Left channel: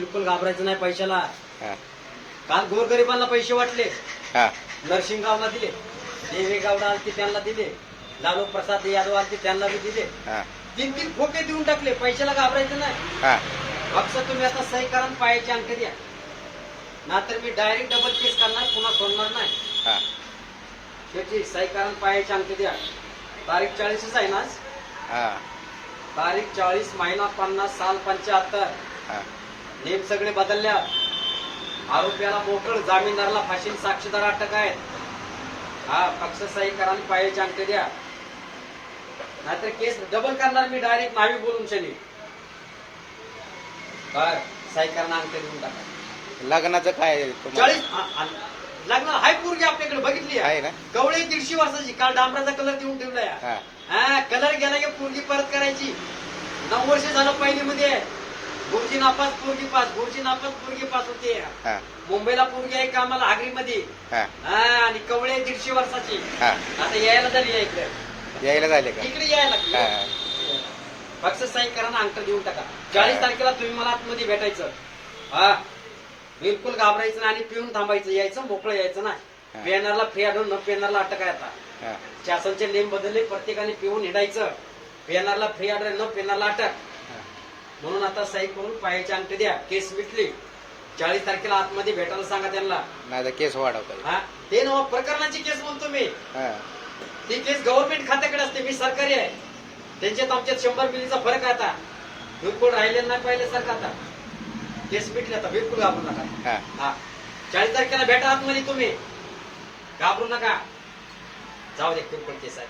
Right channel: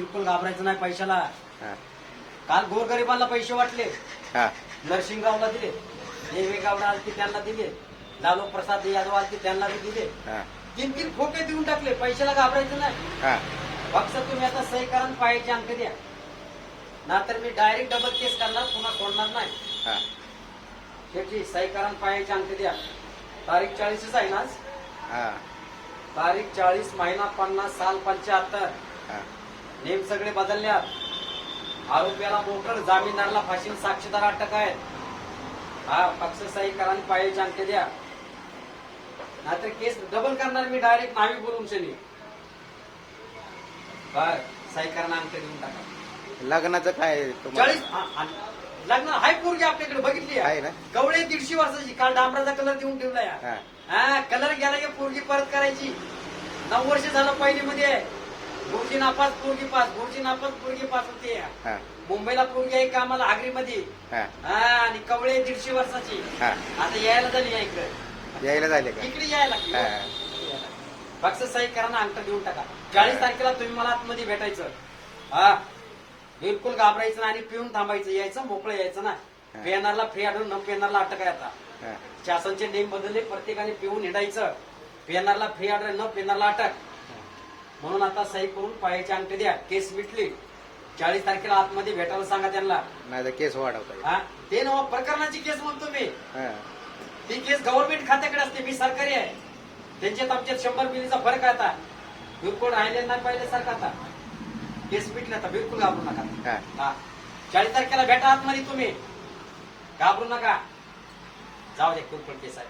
बिलकुल घाबरायचं नाही पैशाला. हा. काल गोरगरिबांना पैसे वाटले. हा. नरसिंहगावला दिले. देवेगावला आलते त्यांना दिले. लालू प्रसाद यादव आलते त्यांना बी दिले. हा. तीन तीन खोके देऊन टाकले. पैशाला घाबरायचं नाही. हा. फक्त तुम्ही आता सही करा आणि पायाचे अंक द्या. नाहीतर मी डायरेक्ट डबल केस करणार पुन्हा सोडणार नाही. हा. शेवटी सही करा आणि पायाचे अंक द्या. तारीख चाळीसच आहे ना आज? हा. तारीख चाळीस महिना पन्नास साल पंच्याहत्तर. हा. नेम सगळे बदलल्या आरोपीला मोकळ जामीनदाराला फाशी साक्षीदार अटक आहेत. हा पक्ष सही करा आणि पायाचे अंक द्या. नाहीतर केस डबल करणार मी डायरेक्ट नावी बोलून शनी. सही करा आणि अंक देऊन टाका. लग्नाचं काय चाळीस लग्न हाय पोरगी आपल्याकडे बघितली आहे. ना? गवळे दीडशे वर्षाची काल डांबराचा कलर देऊन ठेवलाय. हा. कलर गेला की पोरगी परत करायची. नऊ वर्ष झालं पहिली मध्ये गुरुजी नापास पोरगी पास. गुरुजी नापास पोरगी पास होते. हा. मुंबईला पोरगी आहे कामाला आगरीमध्ये. हा. हा आणि कवळे दीडशे वर्षाची. हा. आता यायला झाली आहे इकडे. यायला झाले का? इकडे यायला हा लागली. पक्ष सही करा ना अंक देऊन टाका. चाळीस. तारखेला तुम्ही मला आतमध्ये भेटायचं. हा. बिलकुल घाबरायचं नाही आणि पिऊन थांबायचं. यायचं मोकळं यायचं ना हा. पेनारला फ्री आढळून न पेनारला अटक आहे आता. हा. शासनचे नियम बदलले प्रत्येकाने पिऊन हिंडायचं. पेनारला फ्री ऑर्डर न पेनारला अटक. म्हणून आता सही करून पायाचे अंक द्या. केस मिटली. चाळीस तारखेला आतमध्ये भेटायला सांगा त्यांना. नाही तर केस वाढवता हा? ते नव प्रकरणाची केस म्हणतो मी. हा. ती केस गव्हर्नमेंट खात्याकडे असते मी सरकारी आहे. त्यांच्यात आमच्यात शंभर मिलीचा फरक आहे आता. बिलकुल राहिले नाही पाहिले सारखं आता. केस मिटले आता बिलकुल घाबरू नका. हा. हा. चाळीस तारखेला भेटा आतमध्ये तुम्ही. घाबरू नका. जाऊ दे बिलकुल केस आहे